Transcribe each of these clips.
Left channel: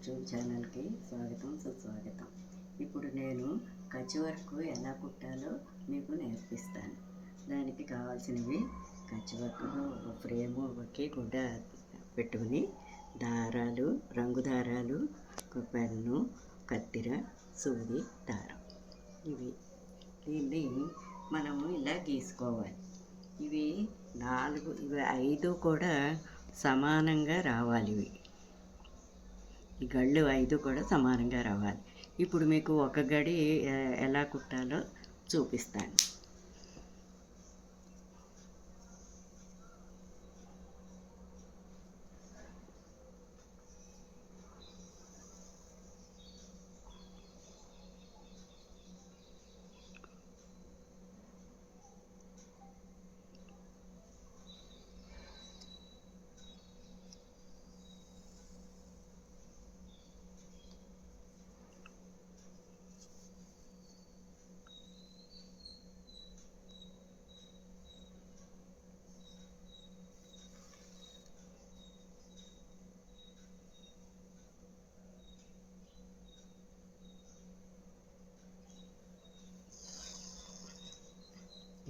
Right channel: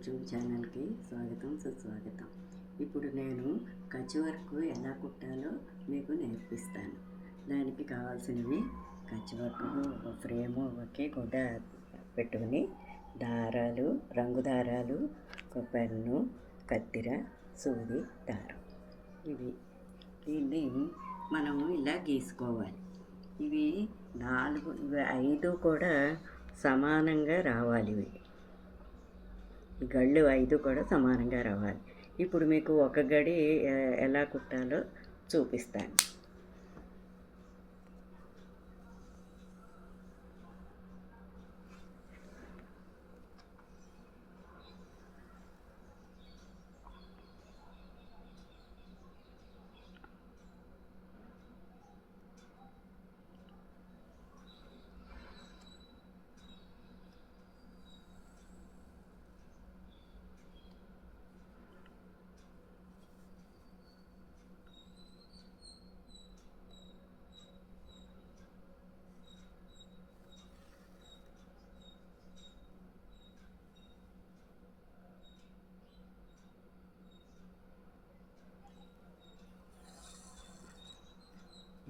YouTube ఛానల్కి స్వాగతం సుస్వాగతం. ఇప్పుడు నేను కచ్ వర్క్ ఎలా కుట్టాలో మీకు నేర్పిస్తాను. దానికి కావాల్సినవి కచ్ వర్క్ ఒక ఫ్రేము, ఒకే గుడ్డ పెట్టుకుని దారాలు, రంగు దారాలు, ఒక పెన్ను, కత్తెర, సూది, దారం. దీన్ని మనము ఇలా గీసుకోవాలి. ఇవి 5 కూడా సమానంగా రావాలి. ఈ గళ్ళు 5 కూడా సమానంగా రావాలి. ఇప్పుడు మీకు ఒక గడి ఎలా కుట్టాలో చూపిస్తాను.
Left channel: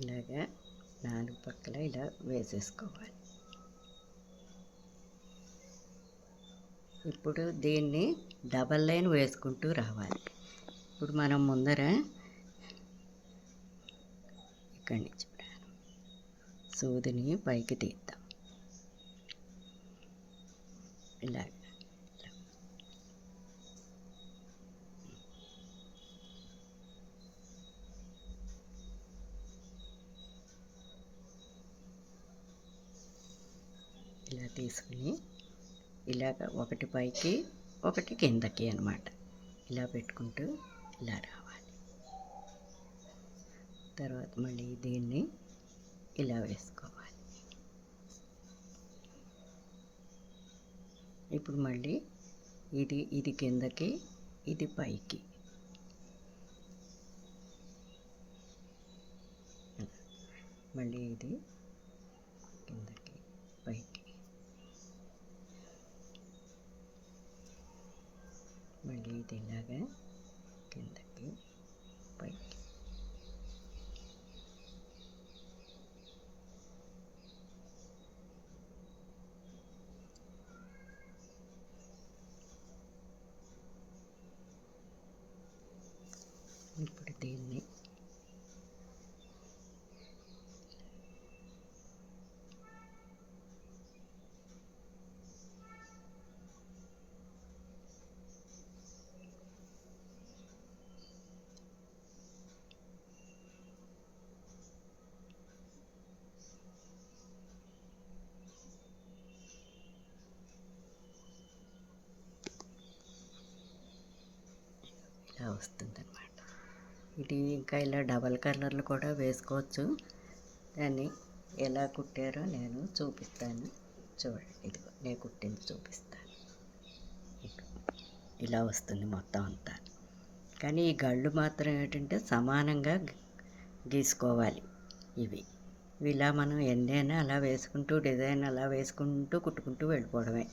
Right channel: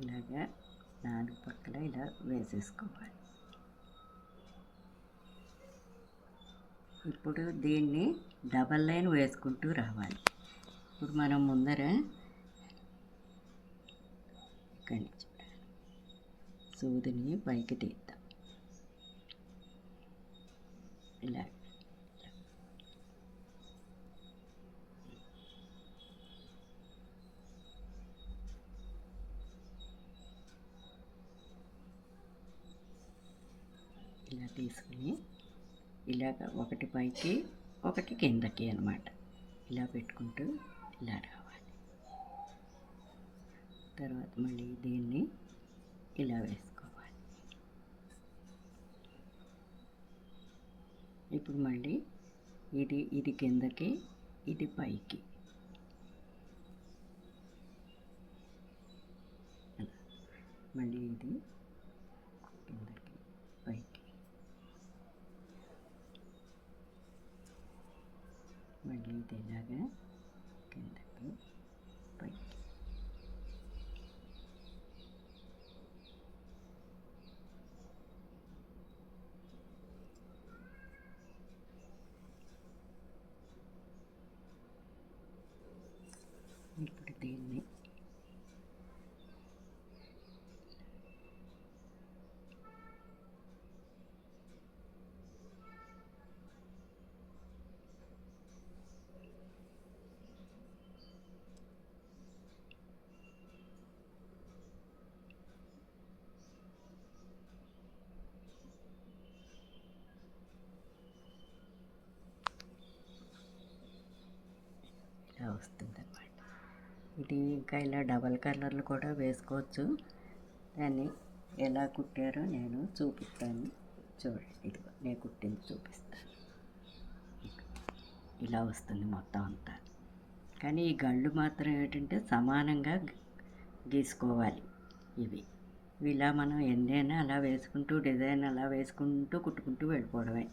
ఇలాగా 4 పక్కల ఇలా వేసేసుకోవాలి. ఇప్పుడు దీన్ని డబల్ లైన్ వేసుకుంటూ రావాలి. ఇప్పుడు మనం ముందర ఇక్కడి నుంచి సూదిని పైకి తీద్దాం. ఇలా ఇలా తీసుకుని ఇలాగ ఒకటి పైకి ఒకటి కిందకి అన్నమాట. ఇలా పెట్టుకుంటూ ఇలా రావాలి. తర్వాత మళ్ళీ దీన్ని ఇలా వేసుకోవాలి. ఇప్పుడు మళ్ళీ ఇది కిందకి, ఇది పైకి. మళ్ళీ ఇది కిందకి, పైకి. మళ్ళీ ఇది ఇలాగా కిందకి, పైకి. ఇప్పుడు దీన్ని ఇలా వస్తుందన్నమాట. ఇది ఇంకా ఇలా డబల్ కలర్లు కూడా వేసుకోవచ్చు. దాన్ని ఎలా కుట్టారో నేను చూపిస్తాను. చూడండి, ఇదిగో నేను కుట్టింది చూపిస్తాను. ఇలా వస్తుంది మొత్తం అంతా. కానీ ఈ గళ్ళు మాత్రం ఏంటంటే సమానంగా గీసుకోవాలి. ఇలా మనం ఎన్నైనా అలా వేసుకుంటూ, డిజైన్ అలా వేసుకుంటూ కుట్టుకుంటూ వెళ్ళిపోవడమే.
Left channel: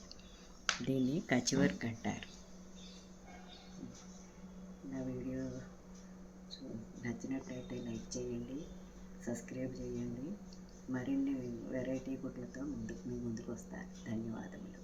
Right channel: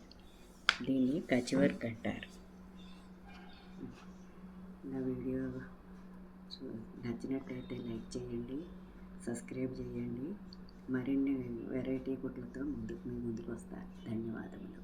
దీన్ని కచ్ వర్క్ అంటారు. నా వీడియో నచ్చినట్లయితే లైక్ చేయండి, సబ్స్క్రైబ్ చేయండి. మరిన్ని వెరైటీ కుట్లతో మీ ముందుకు వస్తాను. ధన్యవాదములు.